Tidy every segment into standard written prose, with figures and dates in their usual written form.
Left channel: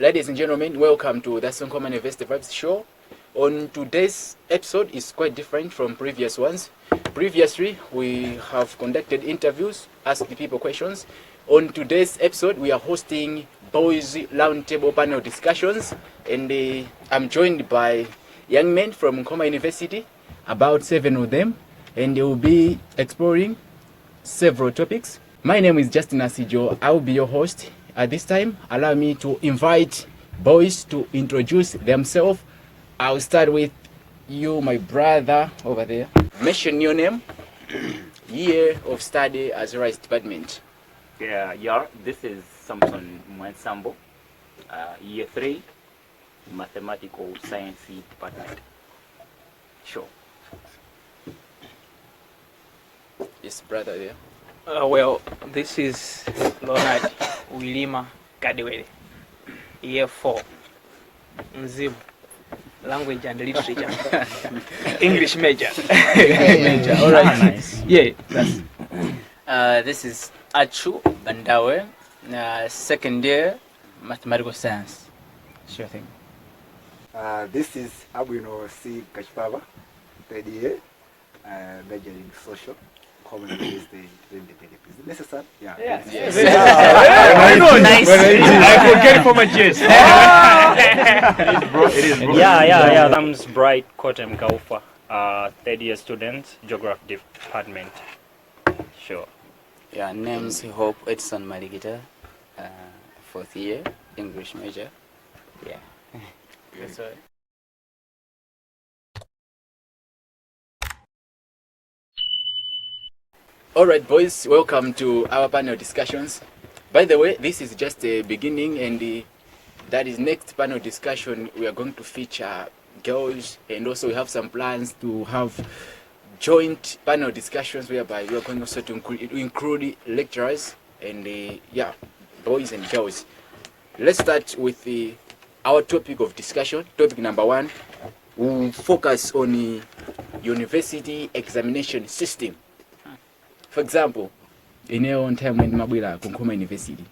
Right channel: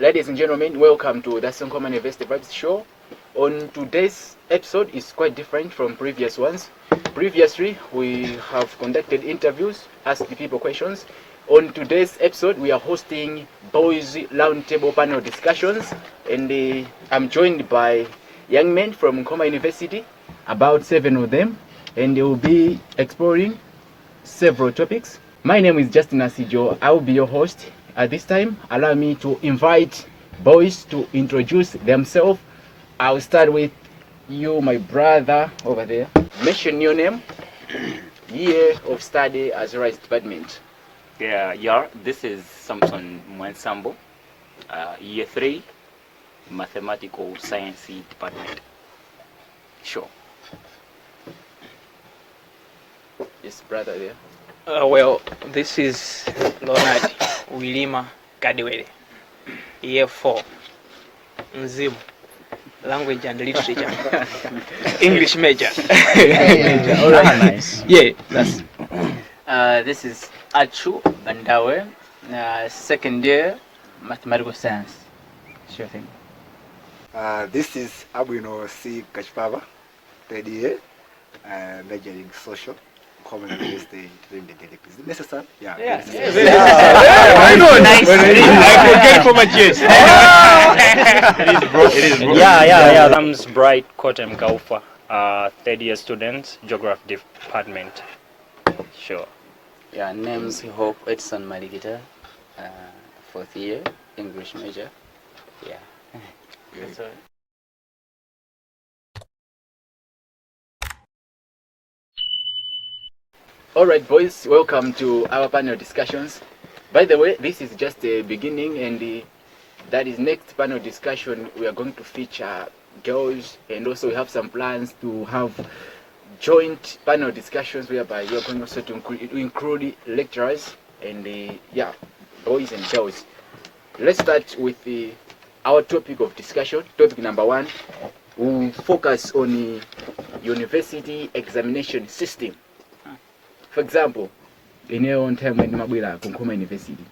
Ladies and gentlemen, welcome to the Nkhoma University Vibes show. On today's episode is quite different from previous ones. Previously, we have conducted interviews, asked people questions. On today's episode, we are hosting Boys Roundtable panel discussions, and I'm joined by young men from Nkhoma University, about 7 of them, and they will be exploring several topics. My name is Justin Asijo. I will be your host. At this time, allow me to invite boys to introduce themselves. I'll start with you, my brother over there. Mention your name, year of study as rights department. This is Samson Mwansambo, year 3, mathematical science department. Sure. Yes, brother there. This is Leonard Wilima Kadewere, year 4, Mzimu, language and literature, English major. Nice. Yeah, that's. This is Achu Bandawe, second year mathematical science. Sure thing. This is Abuino C. Kachpava, third year, majoring social. Nkhoma University. Is it necessary? Yeah. Why not? Nice. I forget for my chest. It is, bro. Yeah. I'm Bright Kotem Kaufa, third year student, geography department. Sure. Yeah, name's Hope Edson Maligita, fourth year, English major. Yeah. That's all. Alright boys, welcome to our panel discussions. By the way, this is just a beginning, and that is next panel discussion we are going to feature girls, and also we have some plans to have joint panel discussions whereby we are going also to include lecturers and boys and girls. Let's start with our topic of discussion. Topic number 1, we'll focus on the university examination system. For example, in your own time when Mabwila Nkhoma University,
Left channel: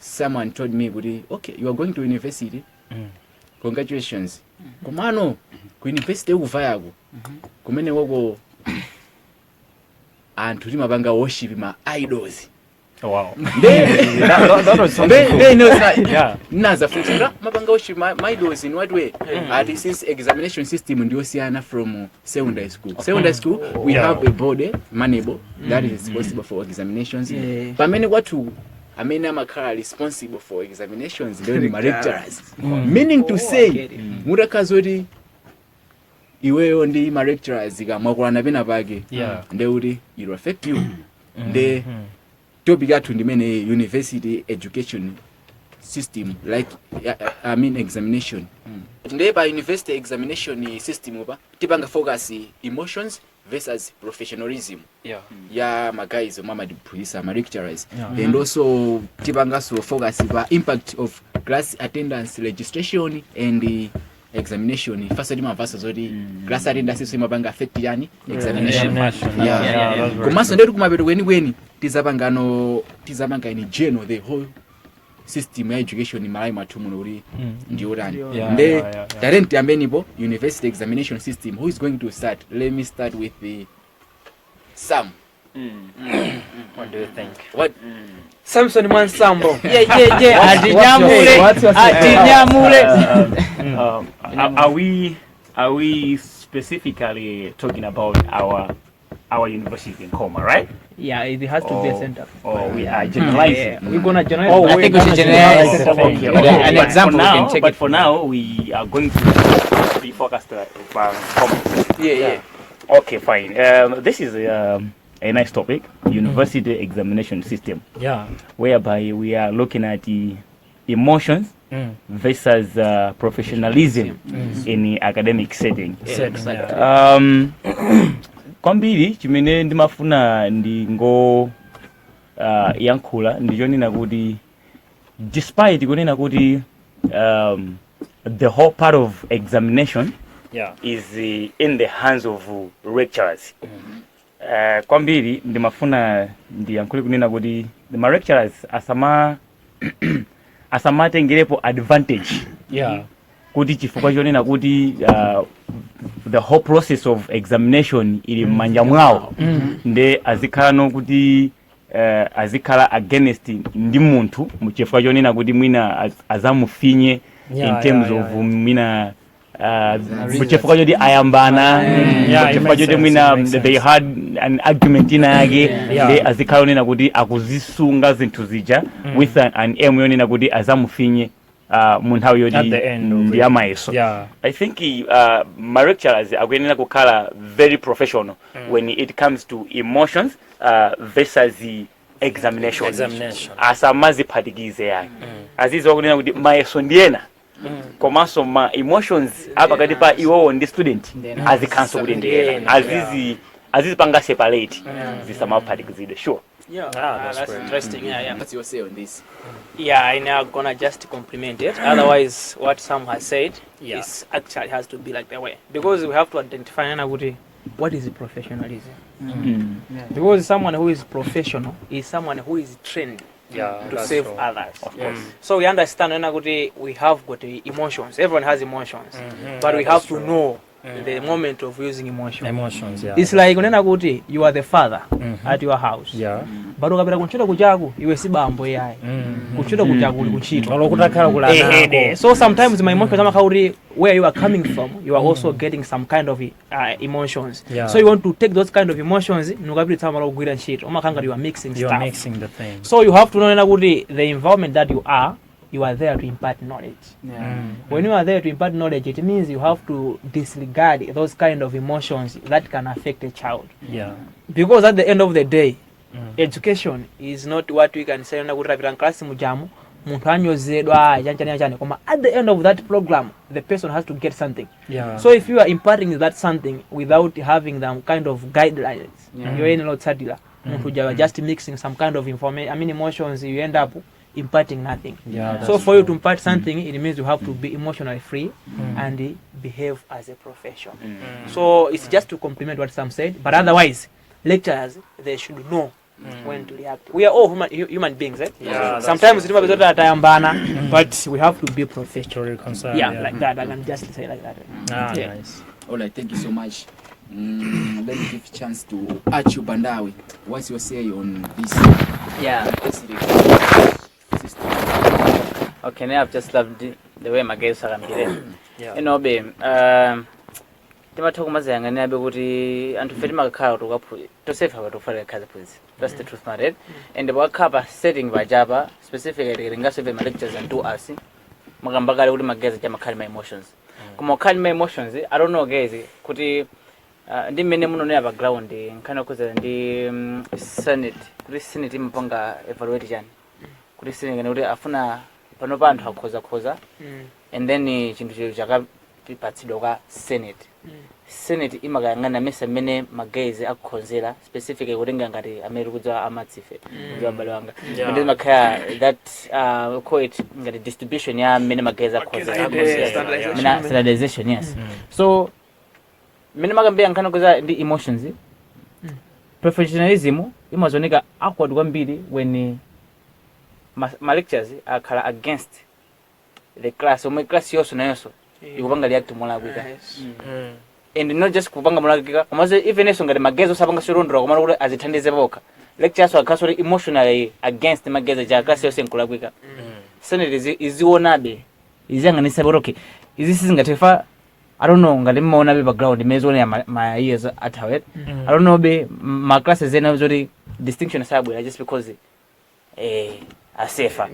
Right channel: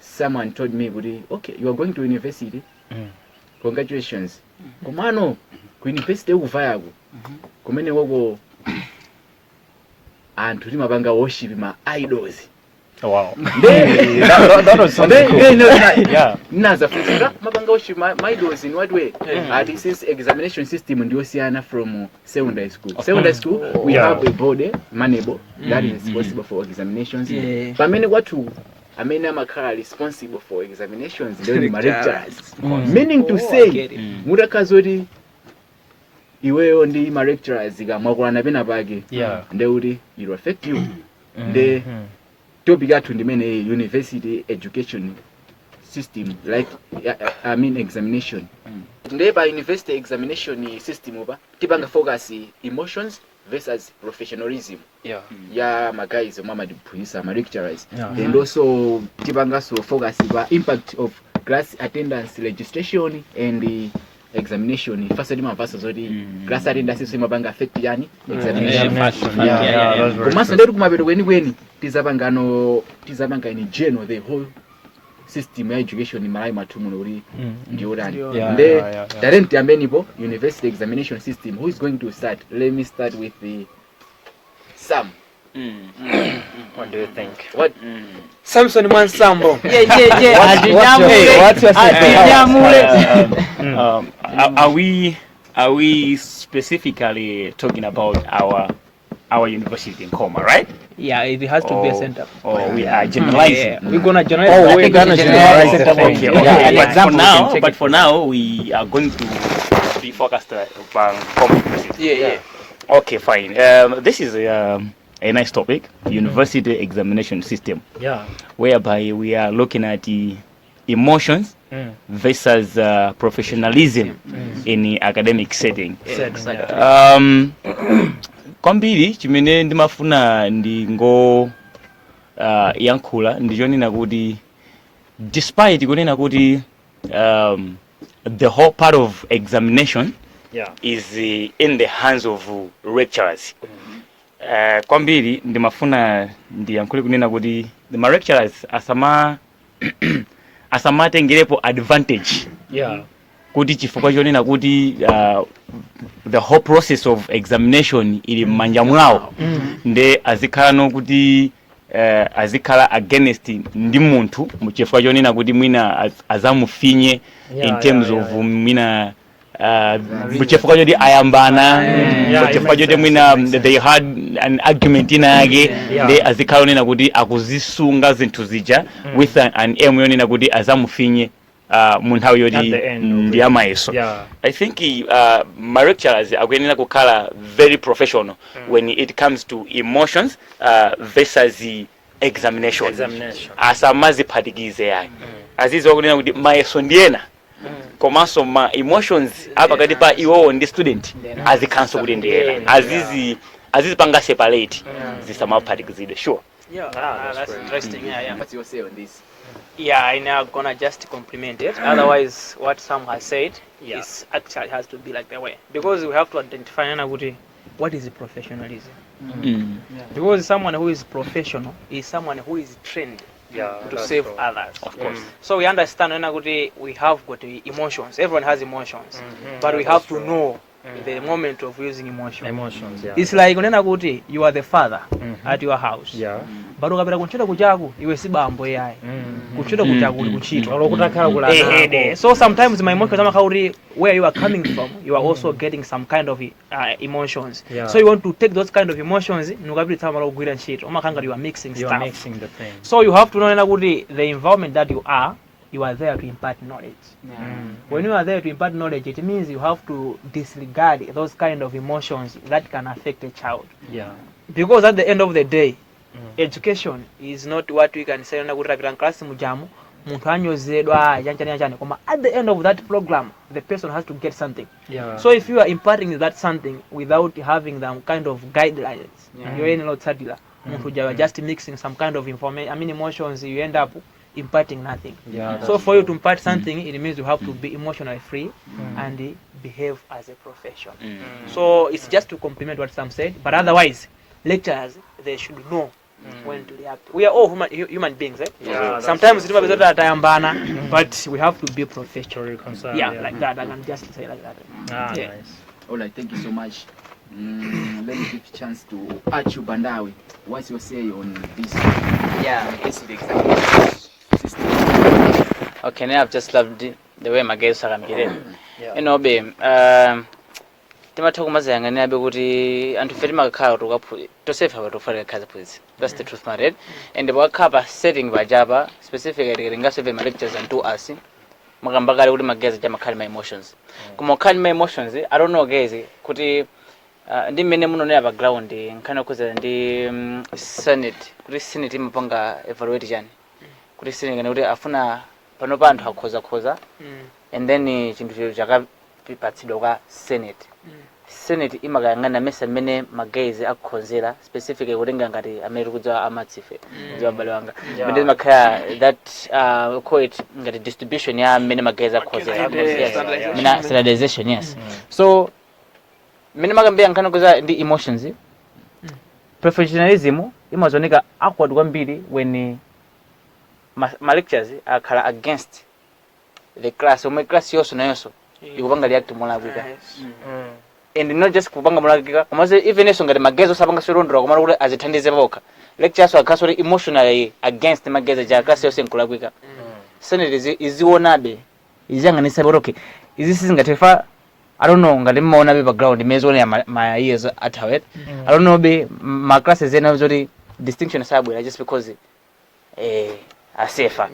someone told me, okay, you are going to university. Congratulations. Kumano, ku university uvayago. Kumene wogo and to mabanga worship my idols. Wow. That was something cool. Yeah. Naza for mabanga worship my idols in what way? This is examination system in Osiana from secondary school. Secondary school, we have a body, manable, that is responsible for examinations. But many are responsible for examinations, then my lecturers. Meaning to say, Murakazori, iwe ondi my lecturers, Magwana Benabagi, they will affect you. They topic to the main university education system, like examination. Today by university examination system over tibanga focus emotions versus professionalism. My guys, mama the my lecturers, and also tibanga so focus impact of class attendance registration and the examination. First of all, class attendance is mabanga affect yani examination. Kumasa nderu kumabero weni tizabanga in general the whole system education in my matumuri ndiorani. Talent ambenibo university examination system. Who is going to start? Let me start with the Sam. What do you think? What? Samson Mwansambo. Are we specifically talking about our university in Nkhoma, right? Yeah, it has to be a center. Or we are generalizing. We're gonna generalize. I think we should generalize it. Okay. An example. But for now, we are going to be focused on Nkhoma. Okay, fine. This is a nice topic, university examination system. Whereby we are looking at the emotions versus professionalism in the academic setting. Kwambiri chimene ndimafuna ndingo yankhula ndijonena kuti despite kunena kuti the whole part of examination is in the hands of lecturers. Kwambiri ndimafuna ndiyankhule kunena kuti the lecturers asama asamatengerepo advantage kuti chifukwa chonena kuti the whole process of examination ili m'manja mwawo nde azikhala kuti azikhala against ndi munthu muchifukwa chonena kuti mwina azamufinye in terms of mwina muchifukwa choti ayambana muchifukwa choti mwina they had an argument inake nde azikhala onena kuti akuzisunga zinthu zija with an aim yonena kuti azamufinye munthawi yoti ndi amayeso. I think my lecturers akuyenera kukhala very professional when it comes to emotions versus the examination. Asamaziphatikize yani azizo kunena kuti mayeso ndiyena komanso ma emotions apakati pa iwowo ndi student azikhanso kuti ndiyena azizipanga separate zisamaphatikizidwe. Sure. That's interesting. What's your say on this? I'm not gonna just compliment it. Otherwise, what Sam has said is actually has to be like that way, because we have to identify what is professionalism. Because someone who is professional is someone who is trained to save others. So we understand when we have got emotions. Everyone has emotions, but we have to know the moment of using emotions. It's like you are the father at your house, but ukapita kuntchito kuchaku iwe si bambo yayi kuntchito kuchaku uli kuntchito. So sometimes my emotions where you are coming from, you are also getting some kind of emotions. So you want to take those kind of emotions nukapita tama kugwira ntchito umakanga you are mixing stuff. So you have to know the environment that you are there to impart knowledge. When you are there to impart knowledge, it means you have to disregard those kind of emotions that can affect a child. Because at the end of the day, education is not what we can say class mujamu muntu anyozedwa chani koma at the end of that program the person has to get something. So if you are imparting that something without having them kind of guidelines, you're not sadila muntu just mixing some kind of information, emotions, you end up imparting nothing. So for you to impart something, it means you have to be emotionally free and behave as a profession. So it's just to complement what Sam said, but otherwise lecturers, they should know when to react. We are all human beings, right? Sometimes it's not that I am banner, but we have to be professional. Like that. I can just say like that. Nice. All right, thank you so much. Let me give a chance to Achu Bandawi. What's your say on this? Okay, I've just loved the way my guests are getting. You know, babe, and to fit my car to save her to follow please. That's the truth, my and the work cover setting by Java, specifically in my lectures and do us. Magambaga would my guess my emotions. Come on, calm my emotions. I don't know, guys. Could he ndi mene muno never ground nkana kuza ndi senate kuri senate impanga evaluate jani kuri senate ngani kuti afuna pano panthu akhoza and then chinthu chakapatsidwa kwa senate imakayang'ana mesa mene magezi akukhonzera specifically kutenga ngati amene kudza amatsife ndio abale wanga ndi makaya that call it ngati distribution ya mene magezi akukhonzera standardization. Yes. So mene makambia nkana kuza ndi emotions. Professionalism imazoneka awkward kwambiri when my lectures are against the class. So my class yoso na yoso ikupanga react molabika. And not just kupanga molabika, komaze even eso ngati magezo sapanga sorondora komara kuti azithandize boka. Lectures are casually emotionally against magezo ja class yose nkulabika. Senate izionabe izanganisa boroke. Izisi ngatifa I don't know ngati mmaona be background imezone my years at Howard. I don't know be my classes ena zori distinction sabwe just because asefa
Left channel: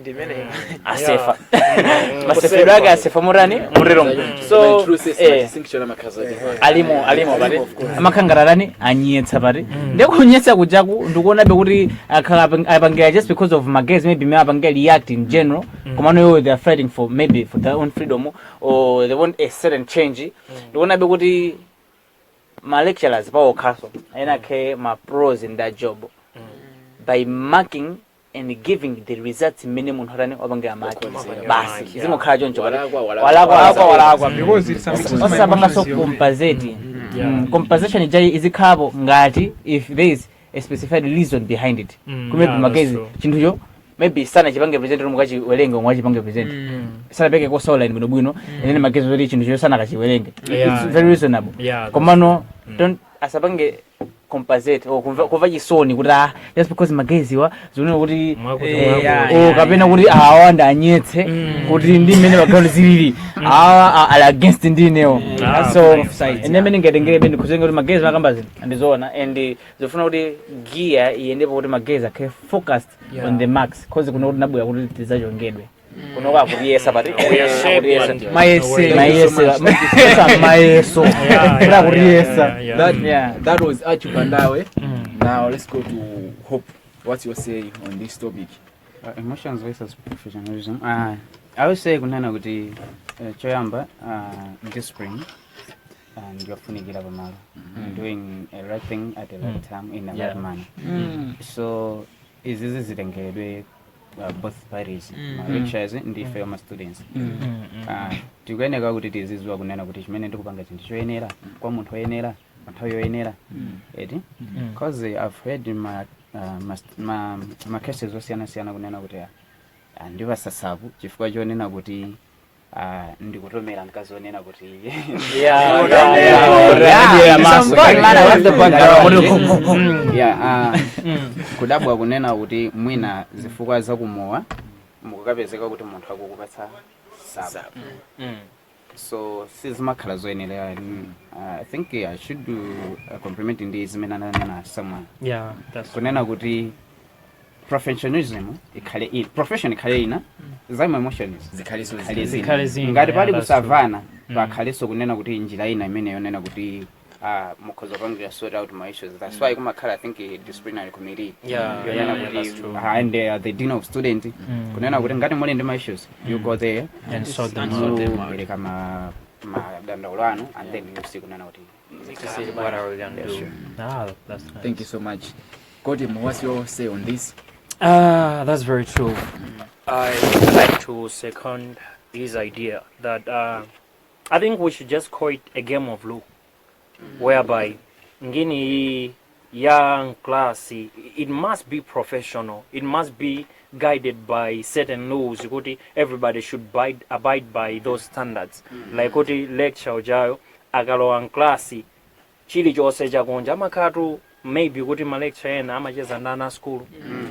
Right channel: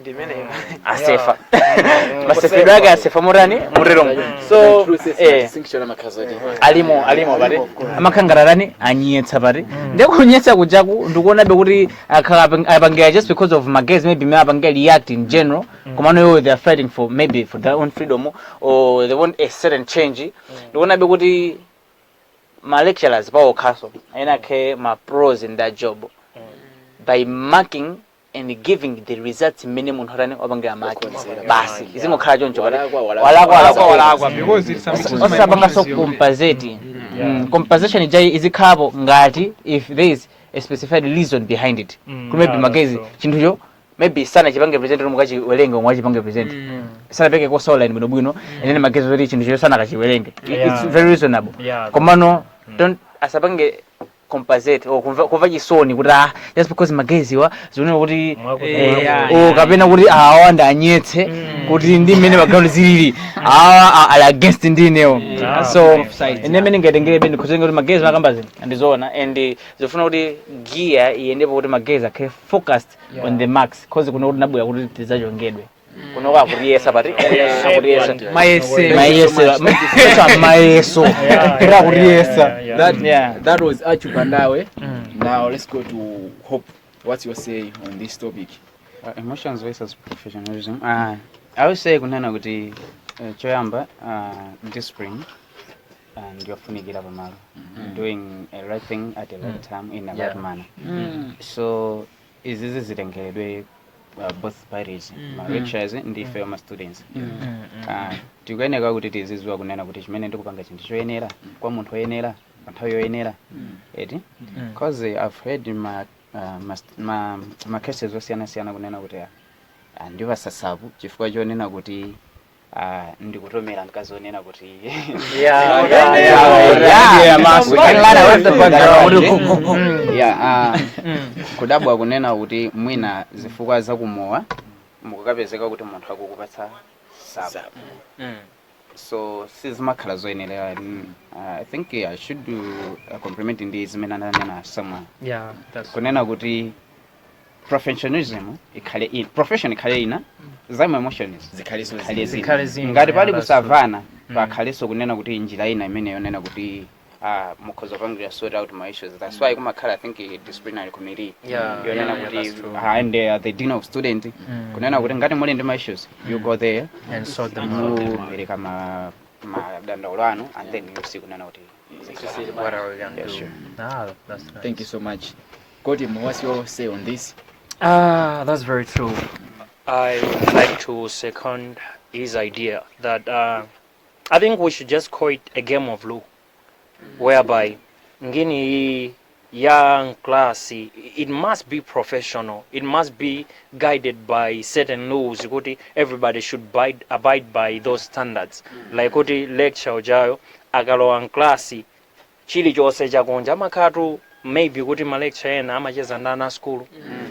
maseferaga asefa murani murero. So distinction amakazo alimo bari amakangararani anyetsa bari ndekunyetsa kujaku ndikuona be kuti apangira just because of magazine maybe me apangira react in general komano they are fighting for maybe for their own freedom or they want a certain change. Ndikuona be kuti my lecturers power castle ena ke my pros in that job by marking and giving the results minimum harani wabangira mark basi izimo khala jonjo walakwa because it's something so compensate. Compensation izikhabo ngati if there is a specified reason behind it. Kumebe magezi chinthu maybe sana chipange present mukachi welenge omwe chipange present sana peke ko online bwino ene magezo eri chintu cho sana kachiwelenge it's very reasonable komano don't asapange compensate or kuva chisoni kuti just because magezi wa zino kuti kapena kuti awanda anyetse kuti ndi mene bagalo zilili ala against ndinewo so ene mene ngatengere bende kuzenga kuti magezi makambazi andizona and zofuna kuti gear iyendepo kuti magezi akhe focused on the marks cause kuno kuti nabwera kuti tizachongedwe kunoka kuriyesa pati that was Achupambawe. Now let's go to Hope. What's your say on this topic? Emotions versus professionalism. I would say kunana kuti choyamba discipline and you're funigira bamalo doing a right thing at the right time in a right manner. So is this zitengeredwe both parties, lecturers and the former students. Tikuyenera kuti tizizwa kunena kuti chimene ndikupanga chinthu choyenera kwa munthu oyenera nthawi yoyenera eti because I've heard in my cases osiyana kunena kuti ndivasasabu chifukwa chonena kuti ndikutomera mkazi onena kuti kudabwa kunena kuti mwina zifukwa zakumowa mukukapezeka kuti munthu akukupatsa saba so sizimakhala zoyenera I think I should do a compliment in this zimene someone kunena kuti professionalism profession ikhale ina zama emotions zikhale zina ngati pali kusavana pakhaleso kunena kuti njira ina imene yonena kuti mukhoza pangira sort out my issues. That's why kumakhala I think a disciplinary committee that's true. And the dean of student kunena kuti ngati muli ndi my issues you go there and sort them out pereka madandaulo and then you see kunena kuti what are we going to do. That's nice. Thank you so much. Kodim, what's your say on this? That's very true. I'd like to second his idea that I think we should just call it a game of law, whereby ngini young class, it must be professional, it must be guided by certain laws. Everybody should abide by those standards. Like lecture jayo agalo class chili chose chakonja makatu maybe kuti ma lecture ena amacheza ndana school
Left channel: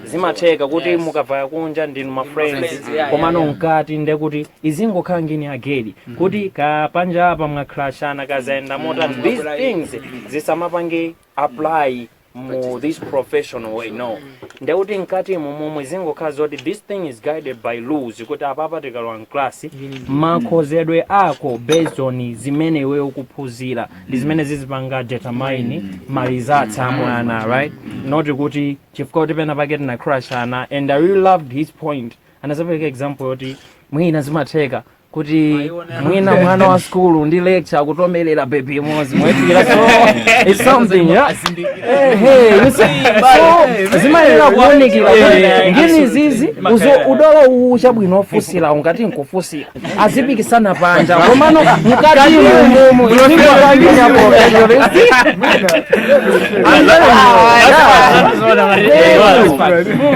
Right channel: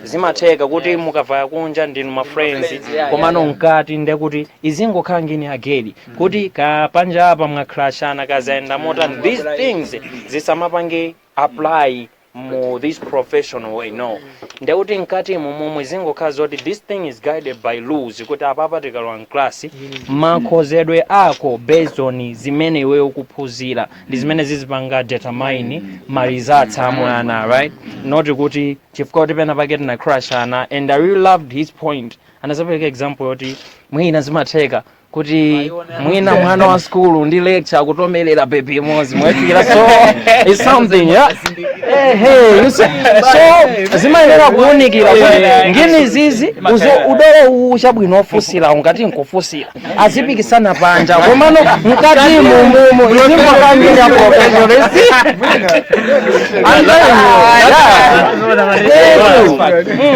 zimateka kuti mukavaya kunja ndinu ma friends komano nkati nde kuti izingokhala ngini agedi kuti kapanja apa mwakrashana kazaenda mota these things zisamapange apply mu this professional way no nde kuti nkati momwe zingokhala zoti this thing is guided by rules kuti apapa tikalwa class makhozedwe ako based on zimene iwe ukuphunzira ndi zimene zizipanga determine ma results amwana right not kuti chifukwa kuti pena paketi na crash ana and I really loved his point anasapeleka example yoti mwina zimatheka kuti mwina mwana wa school ndi lecture akutomerera baby mozi mwetikira so it's something hey so zimayenera kuonikira ngini zizi udolo uchabwino ofusira ungati nkufusira azipikisana panja komano mukati mumo izingokambira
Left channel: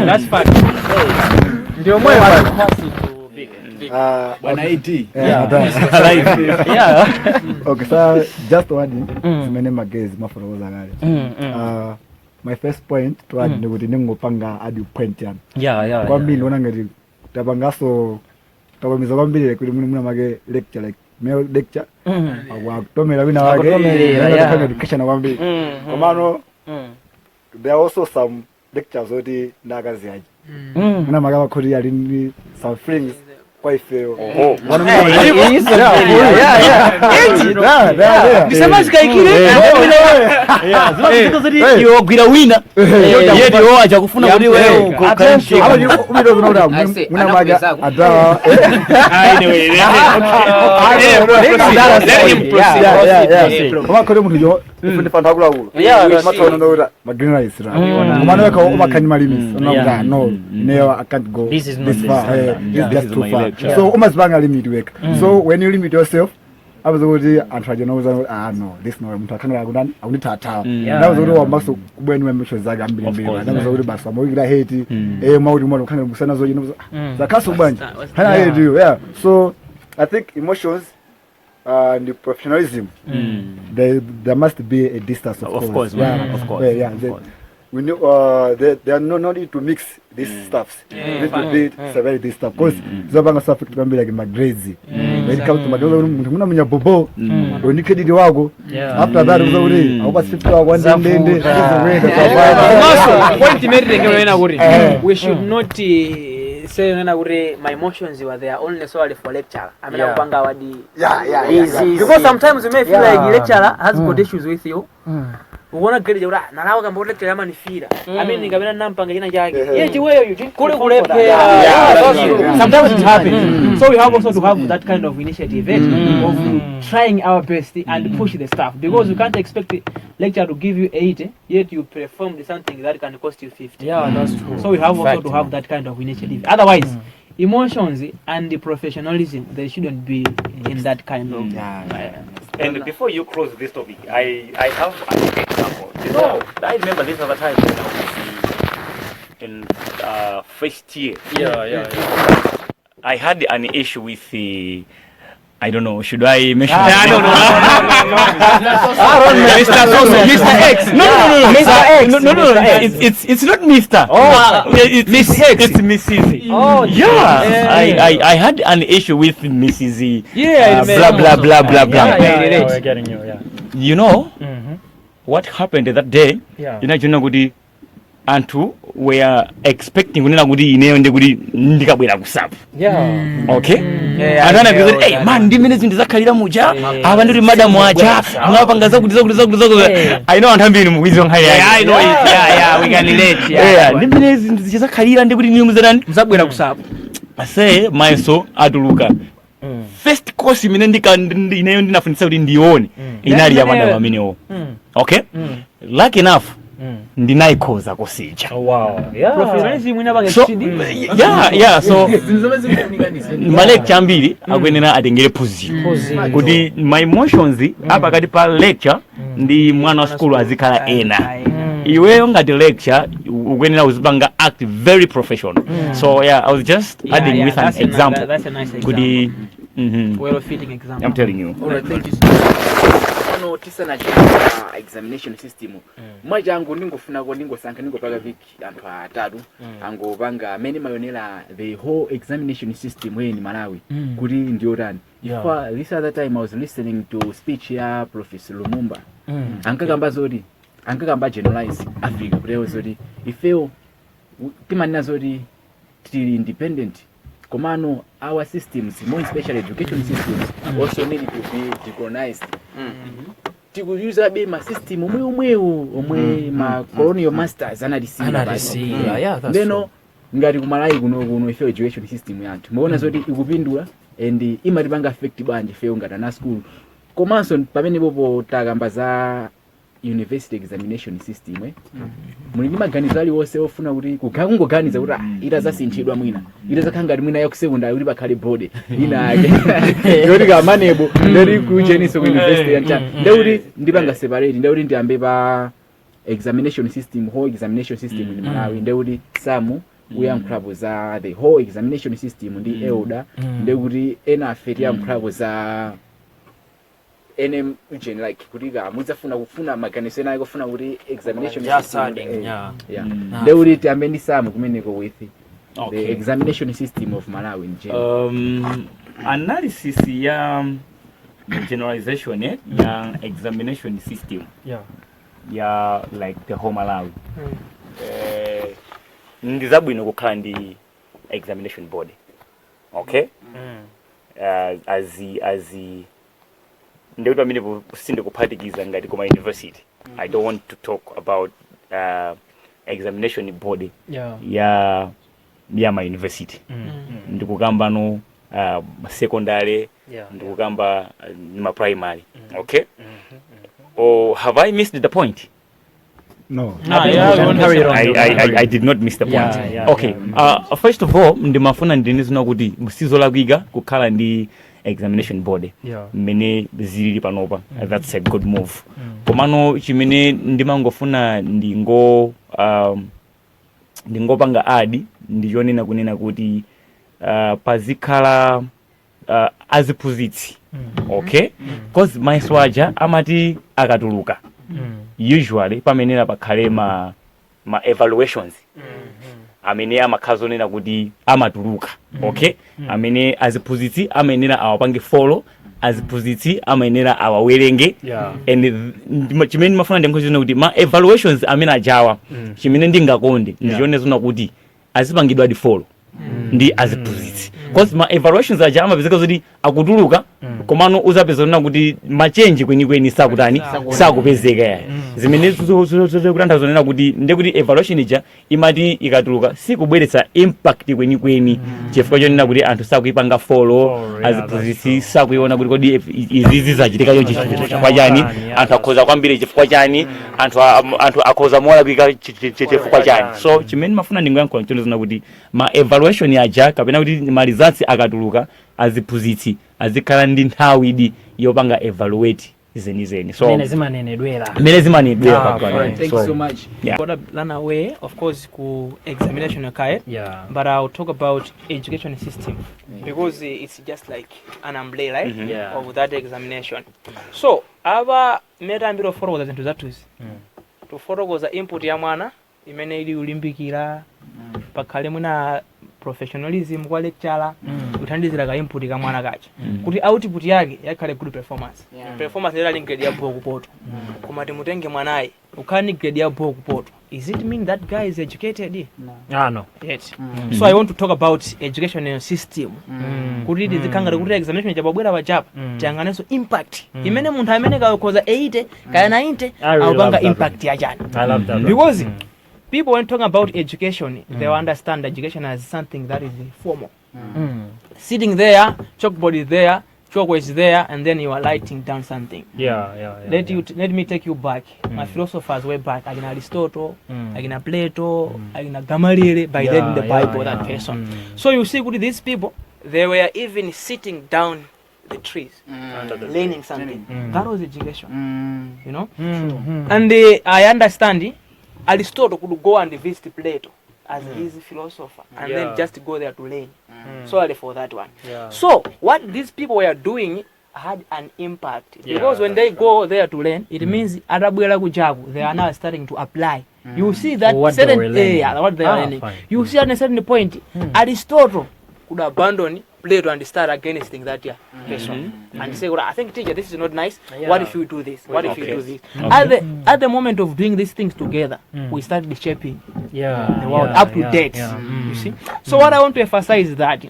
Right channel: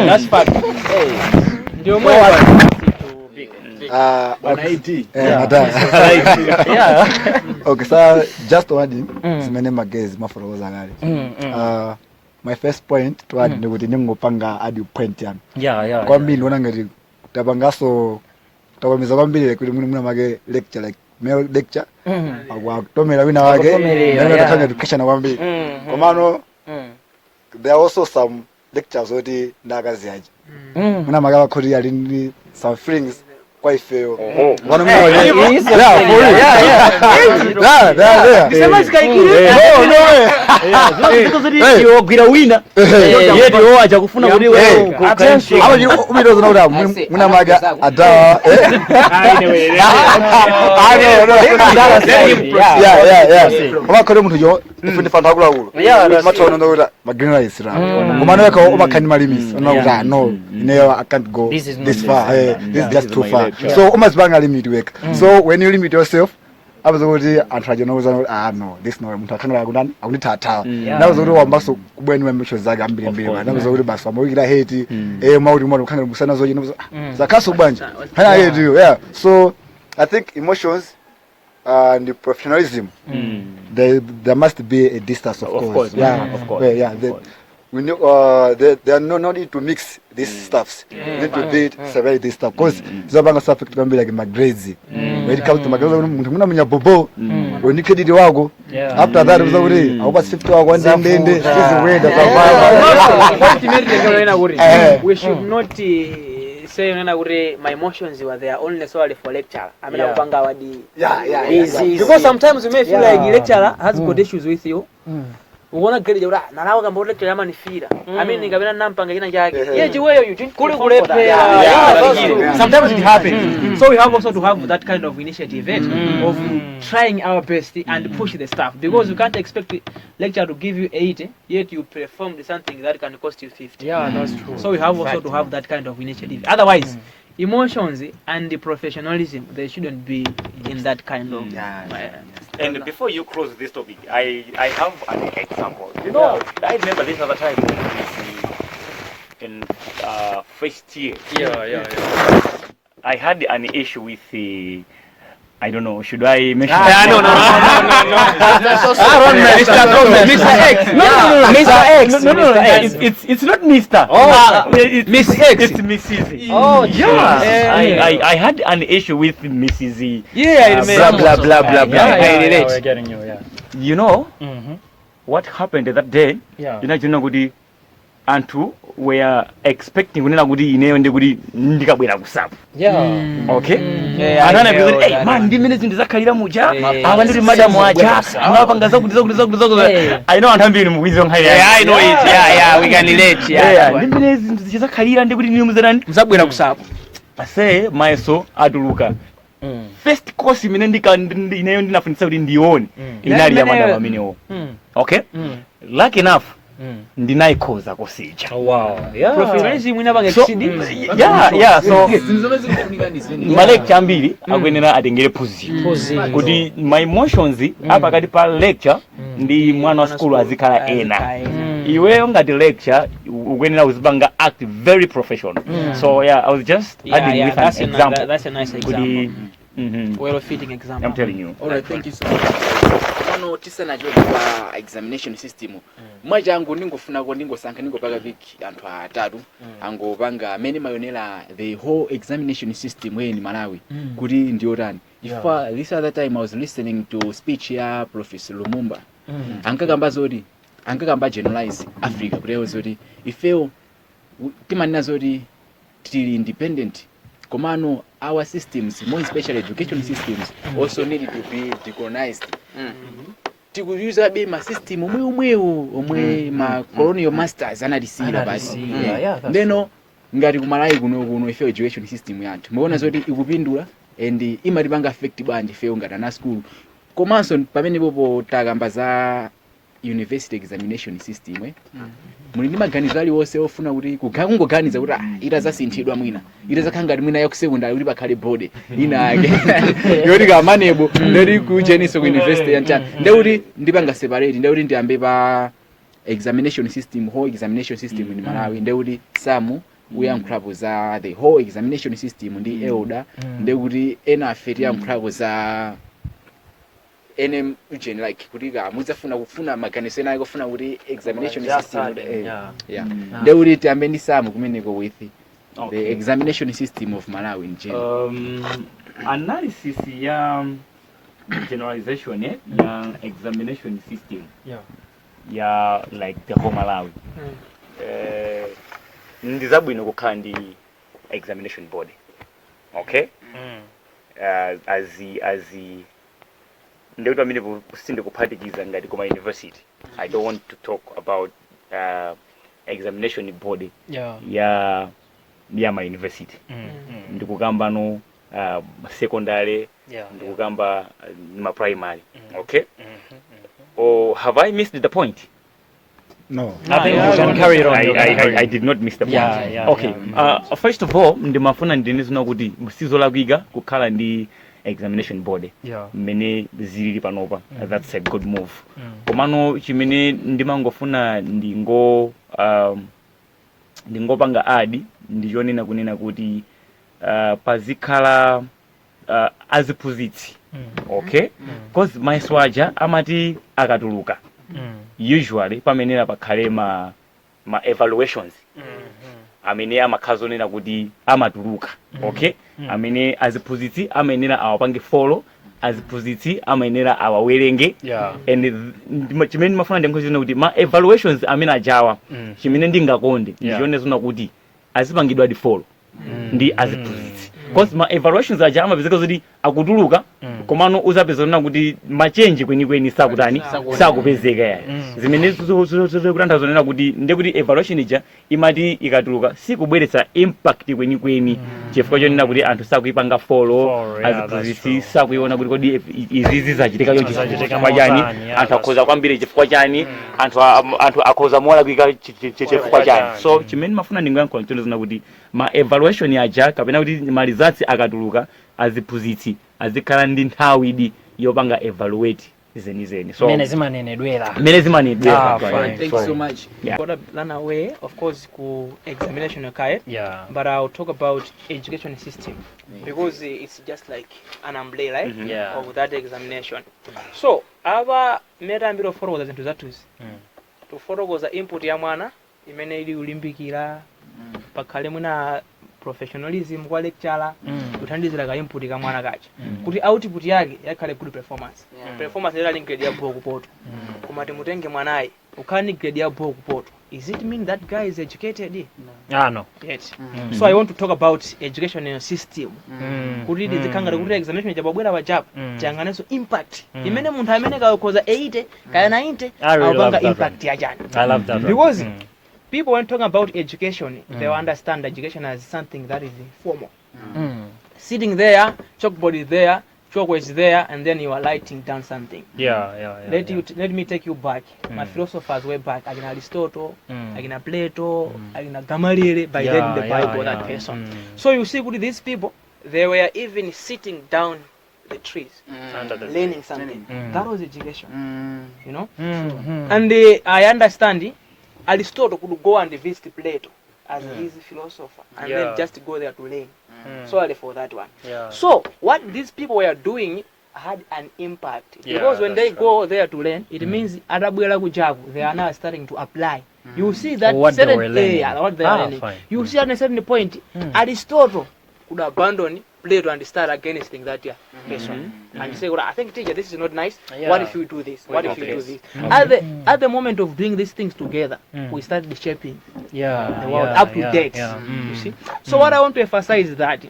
that's fact ndio mwe Okay, so just one zimene magezi maforoza ngale. My first point to add kuti ningopanga add point yana. Kwa mimi naona ngati tapangaso tabamiza kwambiri kuti muna make lecture like male lecture. Akutomera wina wake. Ngati education kwambiri. Komano there are also some lectures oti ndakazi aje. Muna make akhori ali some things quite fail. He's a yo gwira wina yedio acha kufuna kuti wewe attention muna maga ada koma muntu yo ufindi fantagula ulo matona ndora magina isra kumana ka ubakani malimis no I can't go this far. It's just too far. So umazibanga limit work. So when you limit yourself abazokuthi antrajonauza no this no umuntu athanda kunani akunithatha nakuzokuthi wambaso kubweni wemisho zakhe ambili nakuzokuthi basi wamawikila hate mawuthi umuntu ukhangela busana zoyini zakhaso kubanje hana hate you so I think emotions and the professionalism there must be a distance of course. We know they are no need to mix these stuffs. Need to be separate this stuff because zabanga stuff can be like my grades. When it comes to my grades, muna munya bobo. When you kid wako. After that, we already. I was 50 one day. We should not saying my emotions were there only necessarily for lecture. I mean, because sometimes you may feel like the lecturer has got issues with you. Uona kile jora na lao kama ule kile ni fira mimi nikabena nampanga ina yake yeye wewe you think kule sometimes it happens so we have also to have that kind of initiative of trying our best and push the staff because you can't expect the lecturer to give you 80 yet you perform something that can cost you 50. That's true. So we have also to have that kind of initiative, otherwise emotions and the professionalism, they shouldn't be in that kind of and before you close this topic, I have an example. I remember this other time when I was in first year. I had an issue with the I don't know, should I mention No. Mr. X. No. It's not Mr. It's Miss X. It's Mrs. Oh, yeah. I had an issue with Mrs. Blah blah. We're getting you, You know what happened that day? Gudi antu we are expecting kunena kuti ineyo ndikuti ndikabwera kusapa okay anana because hey man ndimene zinthu zakhalira muja ava ndiri madam aja mwapanga zakuti I know anthu ambiri mukwizo nkhali yake I know it we can relate ndimene zinthu zizakhalira ndikuti niyo muzabwera kusapa ase mayeso atuluka first course imene ineyo ndinafundisa kuti ndione inali ya madam amenewo okay lucky enough ndinaikhoza kusija professionalism inabanga exceed so malecture ambiri akwenera atengere position kuti my emotions apakati pa lecture ndi mwana wa school azikhala ena iweyo ngati lecture ukwenera uzipanga act very professional so I was just adding with an example. That's a nice example. Well fitting example. I'm telling you. All right, thank you so much. Tisana examination system mwaja angu ningofuna ko ningosankha ningopaka viki anthu atatu angopanga mene mayonera the whole examination system we in Malawi kuti ndiotani for this other time I was listening to speech ya Professor Lumumba ankagamba generalize Africa kuti zoti ifeo timanena zoti tili independent komano our systems, more especially education systems, also need to be decolonized. Tikuuza be ma system omwe ma colonial masters anadisiya basi. Ndeno ngati kumalayi kuno ife education system yathu. Muona zoti ikupindula and imatipanga affect bwanji ife ngati na school. Komanso pamene popo takamba za university examination system muli maganizo ali wose ofuna kuti kungoganiza kuti itazasinthidwa mwina itazakhangati mwina ya kusekondari kuti pakhale board ina yake yoti ka manebo ndiri ku Jeniso University yanta ndekuti ndipanga separate ndekuti ndiyambe pa examination system whole examination system in Malawi ndekuti samu uyankhulapo za the whole examination system ndi elder ndekuti ena afeti yankhulapo za NM ujeni like kuliga muzafuna kufuna maganizo nayo kufuna kuti examination system ndekuti tambendi samu kumeneko with the examination system of Malawi in general. Analysis ya generalization ya examination system ya like the whole Malawi ndizabwino kukhala ndi examination board okay as ndekuti amene kusinde kuphatikiza ngati koma university I don't want to talk about examination board ya my university ndikukamba no secondary ndikukamba ma primary okay or have I missed the point? No. I did not miss the point. Okay. First of all, ndimafuna ndinizina kuti msizo lakwika kukhala ndi examination body mmene zilili panopa. That's a good move. Komano chimene ndimangofuna ndingopanga adi ndichonena kunena kuti pazikhala aziphunzitsi. Okay, because maiswaja amati akatuluka usually pamenera pakhale ma evaluations amene amakhazonena kuti amatuluka. Okay, amene aziphunzitsi amenera awapange follow, aziphunzitsi amenera awawerenge. And chimene mafuna ndinkhozona kuti ma evaluations amene ajawa chimene ndingakonde ndichonezona kuti azipangidwa di follow ndi aziphunzitsi. Because ma evaluations aja amapezeka kuti akutuluka komano uzapezana kuti machange kwenikweni sakutani sakupezeka. Zimene zikutanthauza zonena kuti ndekuti evaluation ija imati ikatuluka sikubweretsa impact kwenikweni chifukwa chonena kuti anthu sakuipanga follow, aziphunzitsi sakuiona kuti kodi izizi zachitika chonchi chifukwa chani, anthu akhoza kwambiri chifukwa chani, anthu akhoza molapika chifukwa chani. So chimene mafuna ndingoyankhula chonezona kuti ma evaluation aja kapena kuti ma results akatuluka aziphunzitsi azikhala ndi nthawi idi yopanga evaluate zenizeni. So mene zimanenedwera thank you so much. Gotta run away of course ku examination yakaye, but I'll talk about education system because it's just like an umbrella of that examination. So aba meta mbiro forogoza zinthu zathuzi tuforogoza input ya mwana imene ili ulimbikira pakhale mwina professionalism kwa lecturer kuthandizira ka input ka mwana kacha kuti output yake yakhale good performance. Performance ila grade ya boku poto koma timutenge mwanayi ukhani grade ya boku poto, is it mean that guy is educated? No. Yet. So I want to talk about education system kuti ndizikangala kuti examination chabwera pachapa changaneso impact imene munthu amene kayokoza 80 kaya 90 awapanga impact ya jana. I love that Because people when talking about education, they understand education as something that is formal. Sitting there, chalkboard is there, chalk is there, and then you are writing down something. Let me take you back. My philosophers were back. Agina Aristotle, Agina Plato, Agina Gamaliel, by them the Bible, that person. So you see, with these people, they were even sitting down the trees, learning something. That was education, you know. And I understand Aristotle could go and visit Plato as his philosopher and then just go there to learn. Sorry for that one. So what these people were doing had an impact because when they go there to learn, it means they are now starting to apply. You see that what certain what they are learning. You see at a certain point, Aristotle could abandon Plato and start against that person and say, well, I think teacher, this is not nice. What if we do this? What if we do this? At the moment of doing these things together, we started shaping the world up to date. You see. So what I want to emphasize is that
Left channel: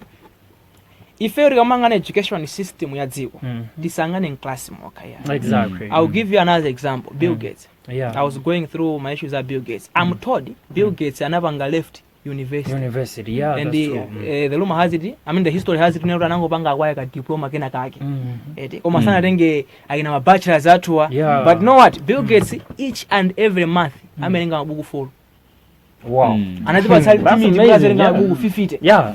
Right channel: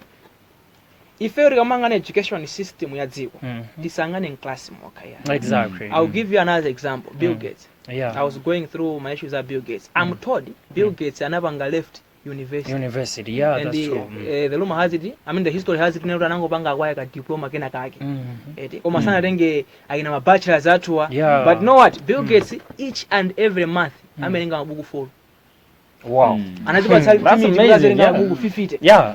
if you remember an education system, disangane in class. Exactly. I'll give you another example. Bill Gates. I was going through my issues at Bill Gates. I'm told Bill Gates and Nabanga left university, and the rumor has it, I mean the history has it, never nango banga waka diploma kena kake omasana renge agina ma bachelor's atua, but know what, Bill Gates each and every month amenenga mabuku full. Wow. Another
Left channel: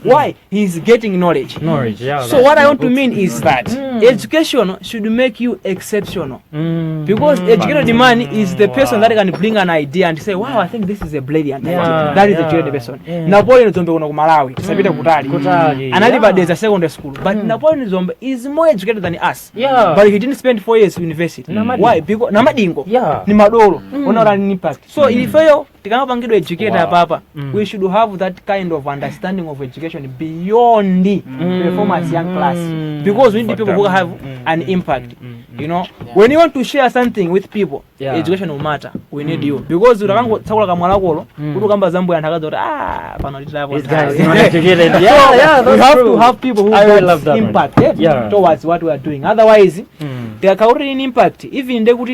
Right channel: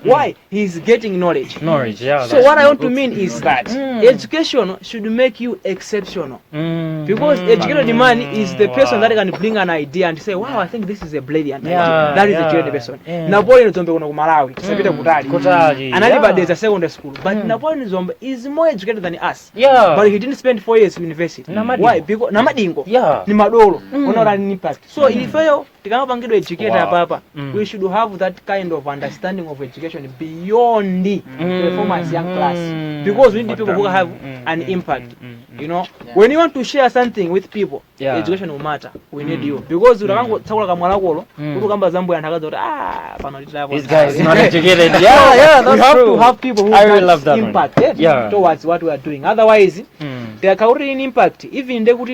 Why? He's getting knowledge. So what I want to mean is that education should make you exceptional. Because educated man is the person that can bring an idea and say, wow, I think this is a brilliant idea. That is a educated person. Napoleon is on the Malawi. Another is a secondary school. But Napoleon is more educated than us. But he didn't spend 4 years in university. Why? Because Namadingo. Ni madolo. An impact. So if you educated papa, we should have that kind of understanding of education beyond the performance young class, because we need people who have an impact. You know, when you want to share something with people, education will matter. We need you, because you have to have people who have impact towards what we are doing. Otherwise, there can be an impact. Even they would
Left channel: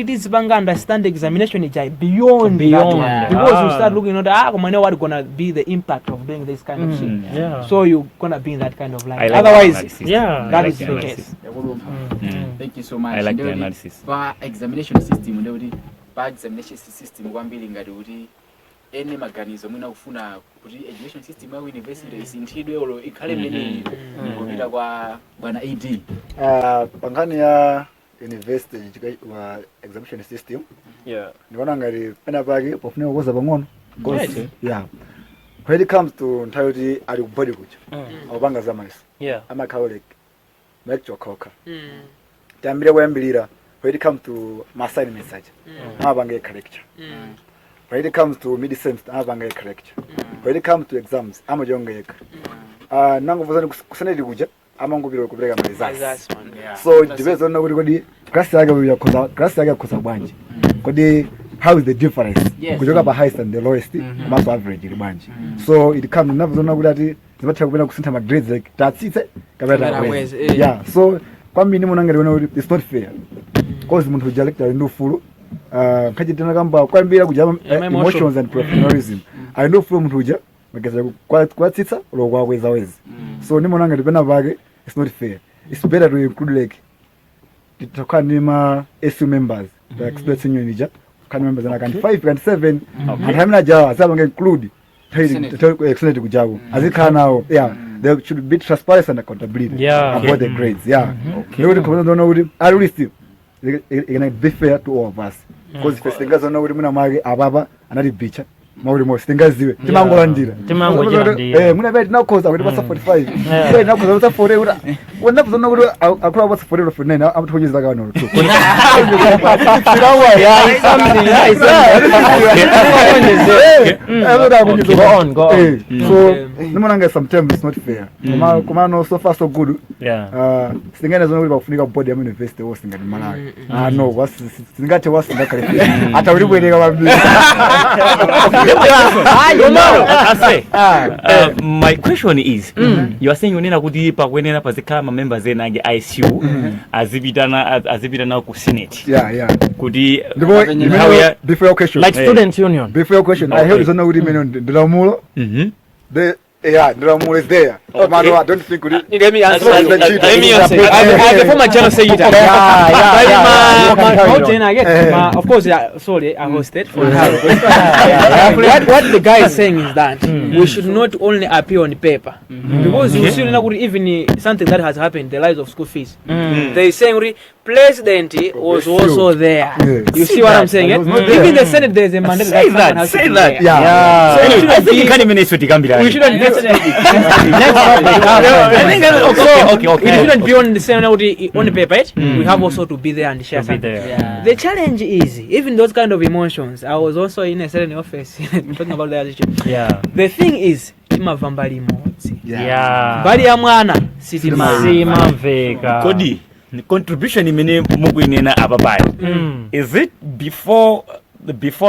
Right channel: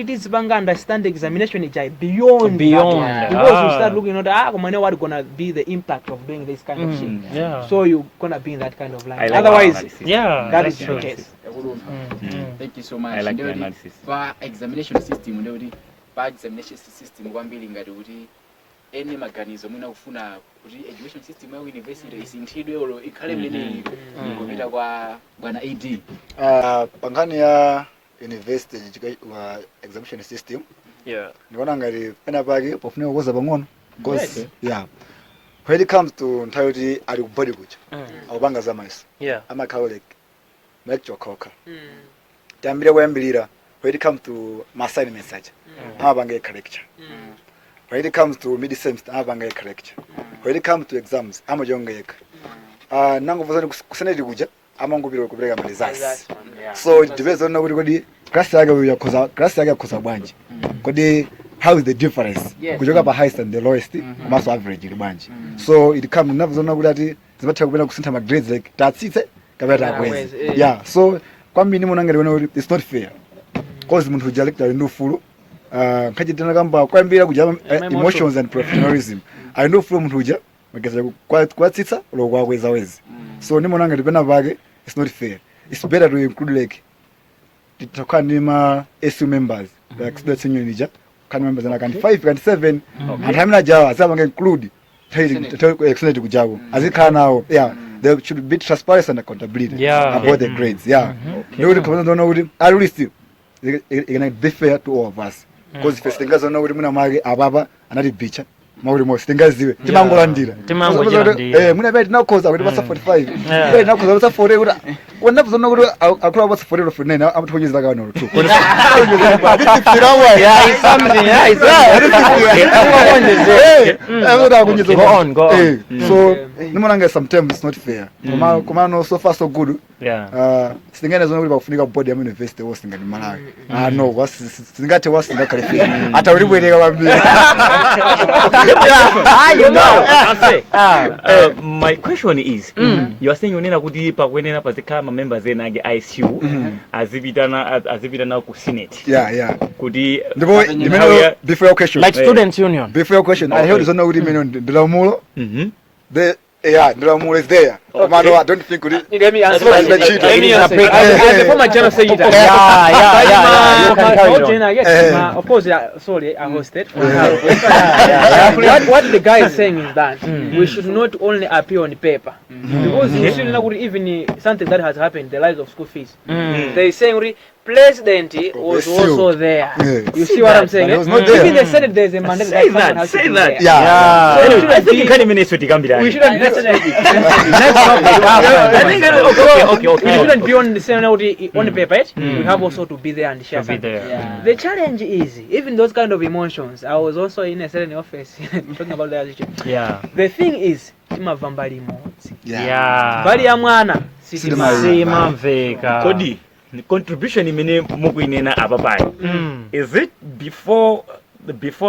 understand the examination is beyond that. Because you start looking at what's gonna be the impact of doing this kind of shit. So you're gonna be in that kind of line. Otherwise, that is the case. Thank you so much. I like the analysis. For examination system, examination system, ene maganizo mwina kufuna kuti education system ya university isinthidwe olo ikhale mmene ngopita kwa bwana AD pangani ya university examination system ndiona ngati pena pake pofunika kukoza pang'ono because when it comes to nthawi ali kubody kucha akupanga zamaiso amakhala like lecture koka tayambire kuyambirira when it comes to assignments aja amapanga lecture when it comes to mid semester amapanga lecture when it comes to exams amajonga yeka nango vazani kusaneti kuja amangopira kupereka results so it depends on kuti kodi class yake uyakoza class yake yakoza bwanji kodi how is the difference kujoka pa highest and the lowest maso average libanje so it comes navozona kuti ati zibatha kupena kusintha ma grades like tatsitse kabata kwezi so kwa mimi munanga liona kuti it's not fair because munthu ujalekta ndo fulu kachitana kamba kwambira kuja emotions and professionalism I know from munthu uja mageza kwatsitsa lo kwakweza wezi so nimonanga ndipena pake it's not fair it's better to include like titakanima SU members like students union ija kan members na kan 5 kan 7 and hamna jawa saba include extended kujago azikhala nawo there should be transparency and accountability about the grades ndio kwa ndio kuti at least it can be fair to all of us because first thing azona kuti muna mage ababa anati bicha mauri mo singaziwe timangolandira muna beti nakoza kuti basa 45 beti nakoza basa 40 ura wona kuzona kuti akula basa 40 for 9 amuthojiza kana no so nimonanga sometimes it's not fair kuma no so far so good singene zona kuti bakufunika board ya university wo singani malawi no was singate was ngakale ata uri bwereka bambira my question is you are saying unena kuti pakwenena pazikhala members enange ICU azipitana ku senate kuti before your question like students union before your question I heard zona kuti meno ndilamulo the Nkhoma is there. I don't think it. Let me answer. I'm the former general secretary. Of course, sorry, I hosted. What the guy is saying is that we should not only appear on paper because you see, even something that has happened, the rise of school fees. They are saying president was also there. You see what I'm saying? Even the Senate, there is a mandate that has to be there. So I think we shouldn't be. We shouldn't be on the Senate on the paper. We have also to be there and share something. The challenge is even those kind of emotions. I was also in a certain office talking about that issue. The thing is, imavambali moti. Bali ya mwana sima veka. Kodi the contribution imene mukuinena ababayo. Is it before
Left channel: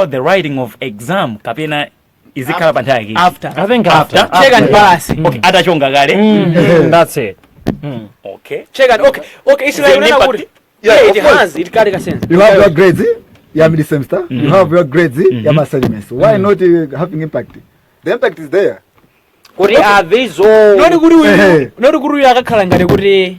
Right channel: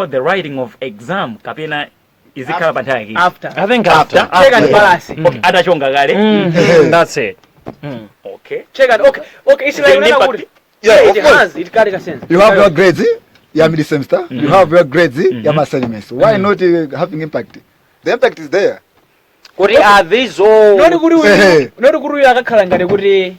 the writing of exam kapena is it kapantaki? After. I think after. Check and balance. Okay, adachonga gale. That's it. Okay. Check and okay. It's like it has. It carry a sense. You have your grades, you have the semester. You have your grades, you have assignments. Why not having impact? The impact is there. Kuri aviso. Not guru yakakhalangale kuti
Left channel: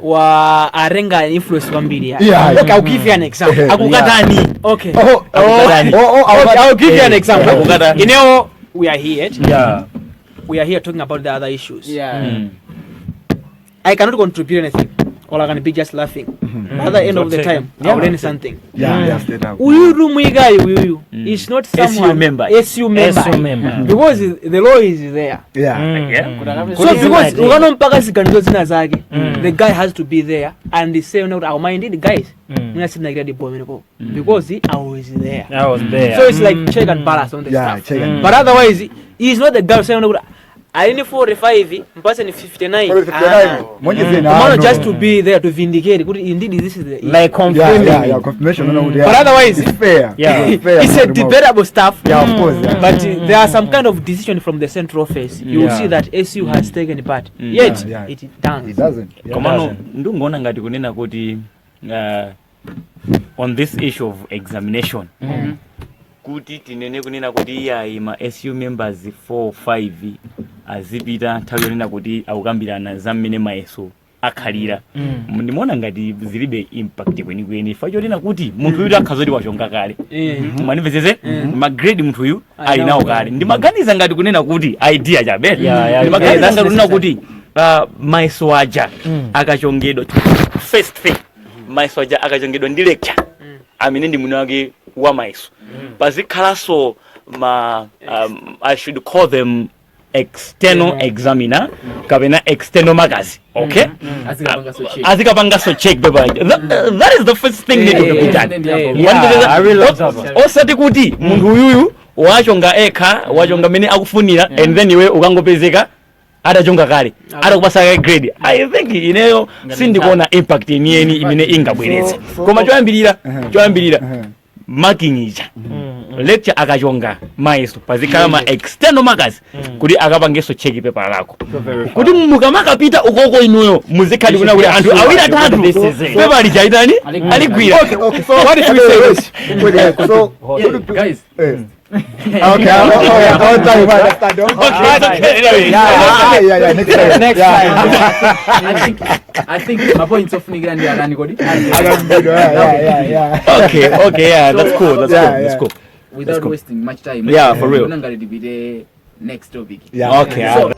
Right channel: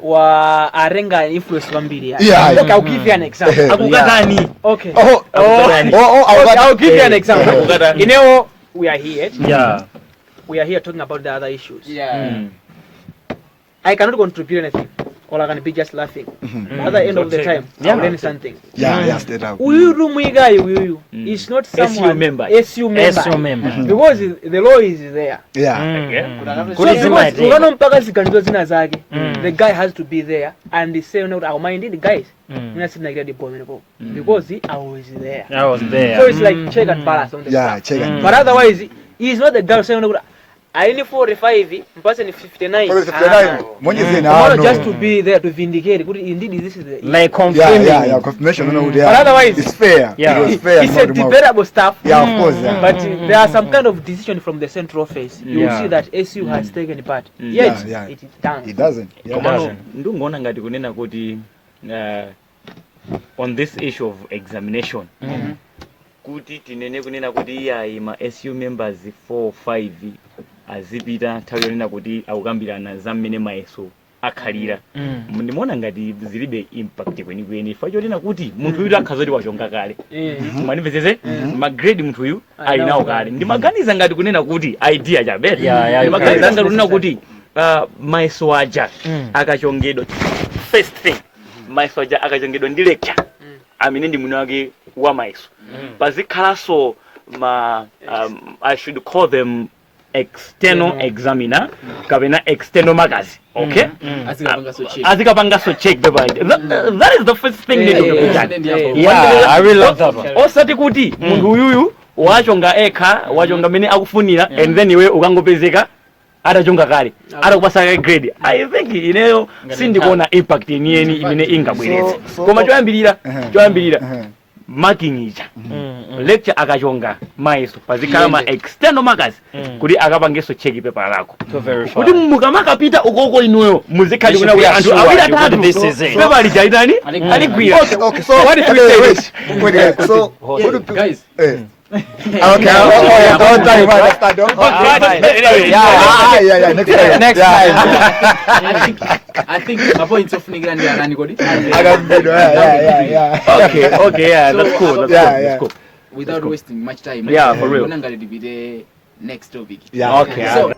wa arenga influence vambiri. Okay, I'll give you an example. Akukatani. Okay. I'll give you an example. You know, we are here. We are here talking about the other issues. I cannot contribute anything. All I can be just laughing. At the end of the time, I'll learn something. It's not someone SU member. Because the law is there. So because the guy has to be there and the same note our mind the guys. Because he always there. So it's like check and balance on the stuff. But otherwise, he's not the guy saying I need 45, person 59. Just to be there to vindicate. Indeed, this is the like confirmation. Confirmation. But otherwise, it's fair. It's a debatable stuff. Of course. But there are some kind of decision from the central office. You will see that SU has taken part. Yet it doesn't. Komano ndungona ngati kunena kuti on this issue of examination. Kuti tinene kunena kuti ima SU members 4 5 azipita nthawi yonena kuti akukambirana za mmene mayeso akhalira ndimaona ngati zilibe impact kwenikweni facho lina kuti munthu uyu akhazoti wachonga kale manimvesese magrade munthu uyu ali nawo kale ndimaganiza ngati kunena kuti idea chabe ndimaganiza ngati kunena kuti maiso aja akachongedwa first thing maiso aja akachongedwa ndi lecture amene ndi mwini wake wa maiso pazikhalanso I should call them external examiner kapena external magazi okay azikapangaso check paper that is the first thing need to be done I really love that osati kuti munthu uyuyu wachonga ekha wachonga mene akufunira and then iwe ukangopezeka atachonga kale atakupasa grade I think ineyo sindikuona impact yeniyeni imene ingabweretse koma choyambirira marking ija lecture akachonga maiso pazikhala ma external markers kuti akapangeso check paper lako kuti mukamakapita ukoko inuyo muzikhali kuna kuti anthu awiri atatu paper lijaitani aligwira Okay, so what if we say this? So guys okay, I'll tell you what understand. Yeah, next time. I think my point of nigga and Arani Godi. Okay, yeah, that's cool. Without wasting much time. Yeah, for real. We're going to be the next topic. Yeah. Okay. So,